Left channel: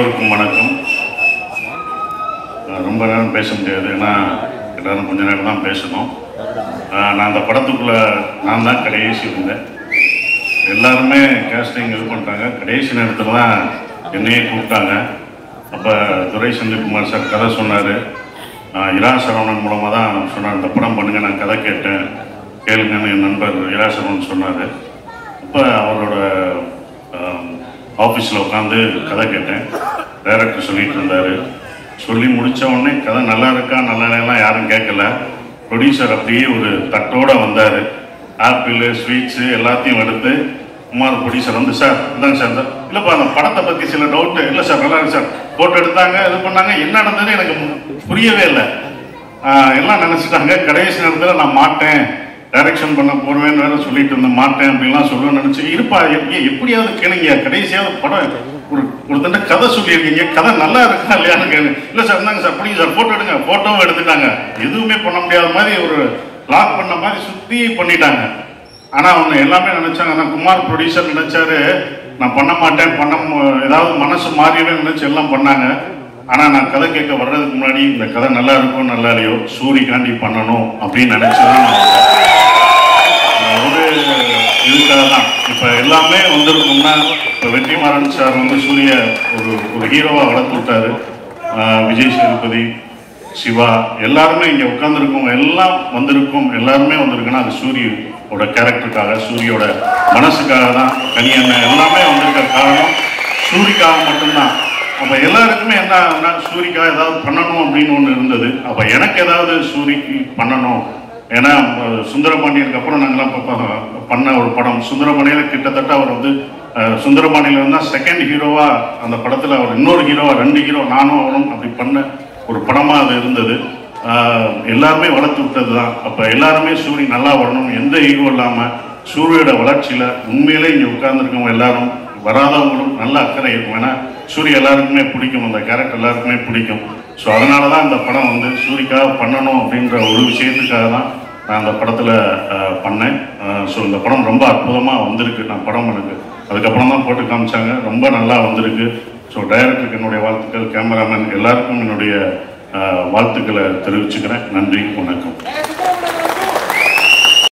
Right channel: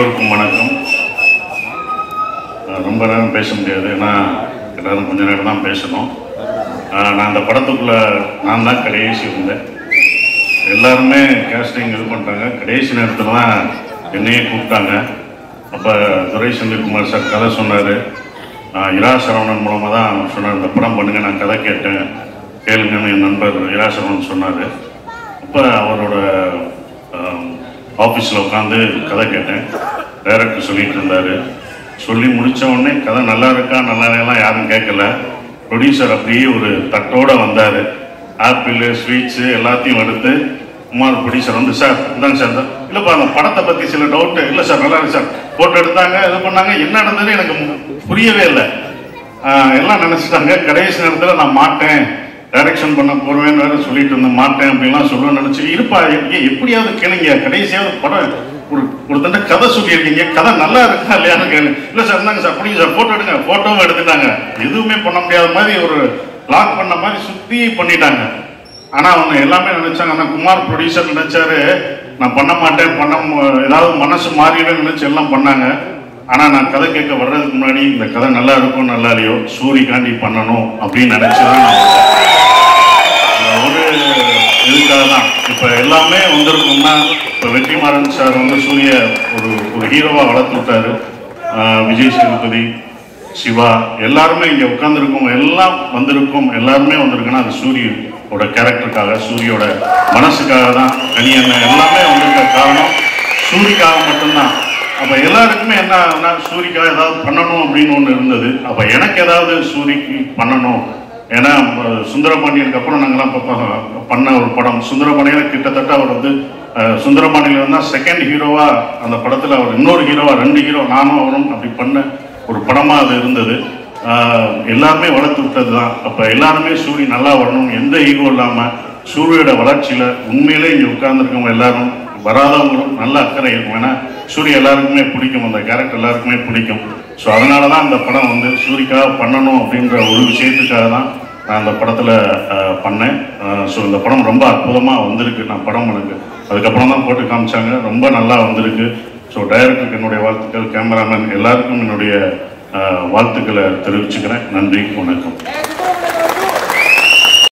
எல்லோருக்கும் வணக்கம். ரொம்ப நேரம் பேச முடியாது, ஏன்னா எல்லாரும் கொஞ்ச நேரம் தான் பேசணும். நான் அந்த படத்துக்குள்ளே நான் தான் கடைசி இருந்தேன். எல்லாருமே கேஸ்டிங் இது பண்ணிட்டாங்க. கடைசி நேரத்தில் தான் என்னையே கூப்பிட்டாங்க. அப்போ துரை செந்தில்குமார் சார் கதை சொன்னார். இரா சரவணன் மூலமாக தான் சொன்னார், இந்த படம் பண்ணுங்க, நான் கதை கேட்டேன், கேளுங்கன்னு என் நண்பர் இரா சரவணன் சொன்னார். அப்போ அவரோட ஆஃபீஸில் உட்காந்து கதை கேட்டேன். டைரக்டர் சொல்லிட்டு இருந்தார். சொல்லி முடித்த உடனே கதை நல்லா இருக்கா நல்லா இல்லைலாம் யாரும் கேட்கல. ப்ரொடியூசர் அப்படியே ஒரு தட்டோடு வந்தார். ஆப்பிள் ஸ்வீட்ஸு எல்லாத்தையும் எடுத்து குமார் ப்ரொடியூசர் வந்து, சார் இந்தாங்க சார், இல்லைப்பா அந்த படத்தை பற்றி சில டவுட்டு, இல்லை சார் நல்லா இருக்கு சார், ஃபோட்டோ எடுத்தாங்க, இது பண்ணாங்க, என்ன நடந்ததுன்னு எனக்கு புரியவே இல்லை. எல்லாம் நினச்சிட்டாங்க. கடைசி நேரத்தில் நான் மாட்டேன், டைரக்ஷன் பண்ண போடுவேன்னு வேறு சொல்லிட்டு இருந்தேன், மாட்டேன் அப்படின்லாம் சொல்லணும்னு நினச்சி, இருப்பா எப்படியாவது கேளுங்க, கடைசியாவது படம் ஒரு தண்டை கதை சொல்லியிருக்கீங்க, கதை நல்லா இருக்கா இல்லையான்னு கேளு. இல்லை சார் இருந்தாங்க சார், பிடிங்க சார், ஃபோட்டோ எடுங்க. ஃபோட்டோவும் எடுத்துட்டாங்க. எதுவுமே பண்ண முடியாத மாதிரி ஒரு லாக் பண்ண மாதிரி சுற்றி பண்ணிட்டாங்க. ஆனால் அவங்க எல்லாமே நினச்சாங்க, ஆனால் குமார் ப்ரொடியூசர் நினச்சாரு நான் பண்ண மாட்டேன், ஏதாவது மனசு மாறிடுன்னு நினச்சி எல்லாம் பண்ணாங்க. ஆனால் நான் கதை கேட்க வர்றதுக்கு முன்னாடி இந்த கதை நல்லா இருக்கும் நல்லா இல்லையோ சூரிகாண்டி பண்ணணும் அப்படின்னு நினச்சதான் ஒரு இதுக்காக தான். இப்போ எல்லாமே வந்திருக்கோம்னா, இப்போ வெற்றிமாறன் சார் வந்து சூரிய ஒரு ஹீரோவாக வளர்த்து விட்டாரு. விஜய் சேதுபதி, சிவா எல்லாருமே இங்கே உட்காந்துருக்கோம், எல்லாம் வந்திருக்கோம், எல்லாருமே வந்திருக்குன்னா அது சூரியோட கேரக்டருக்காக, சூரியோட மனசுக்காக தான். தனியண்ண எல்லாமே வந்திருக்க காரணம் சூரிக்காக மட்டும்தான். அப்போ எல்லாருக்குமே என்ன சூரிக்காக ஏதாவது பண்ணணும் அப்படின்னு ஒன்று இருந்தது. அப்போ எனக்கு ஏதாவது சூரிக்கு பண்ணணும். ஏன்னா சுந்தரபாண்டியனுக்கு அப்புறம் நாங்கள்லாம் பண்ண ஒரு படம் சுந்தரபாண்டியில் கிட்டத்தட்ட அவர் வந்து சுந்தரபாண்டியில் வந்து செகண்ட் ஹீரோவாக அந்த படத்தில் அவர் இன்னொரு ஹீரோவாக 2 ஹீரோ நானும் அவரும் அப்படி பண்ண ஒரு படமாக அது இருந்தது. எல்லாருமே வளர்த்து விட்டது தான். அப்போ எல்லாருமே சூரி நல்லா வரணும், எந்த ஈகோ இல்லாமல் சூரியோட வளர்ச்சியில் உண்மையிலே இங்கே உட்கார்ந்துருக்கவங்க எல்லாரும் வராதவங்களும் நல்ல அக்கறை இருக்கும். ஏன்னா சூரிய எல்லாருக்குமே பிடிக்கும், அந்த கேரக்டர் எல்லாருக்குமே பிடிக்கும். ஸோ அதனால தான் அந்த படம் வந்து சூரிக்காக பண்ணணும் அப்படின்ற ஒரு விஷயத்துக்காக தான் நான் அந்த படத்தில் பண்ணேன். ஸோ இந்த படம் ரொம்ப அற்புதமாக வந்திருக்கு. நான் படம் எனக்கு அதுக்கப்புறம் தான் போட்டு காமிச்சாங்க, ரொம்ப நல்லா வந்திருக்கு. ஸோ டைரக்டருக்கு என்னுடைய வாழ்த்துக்கள், கேமராமேன் எல்லாருக்கும் என்னுடைய வாழ்த்துக்களை தெரிவிச்சுக்கிறேன். நன்றி, வணக்கம்.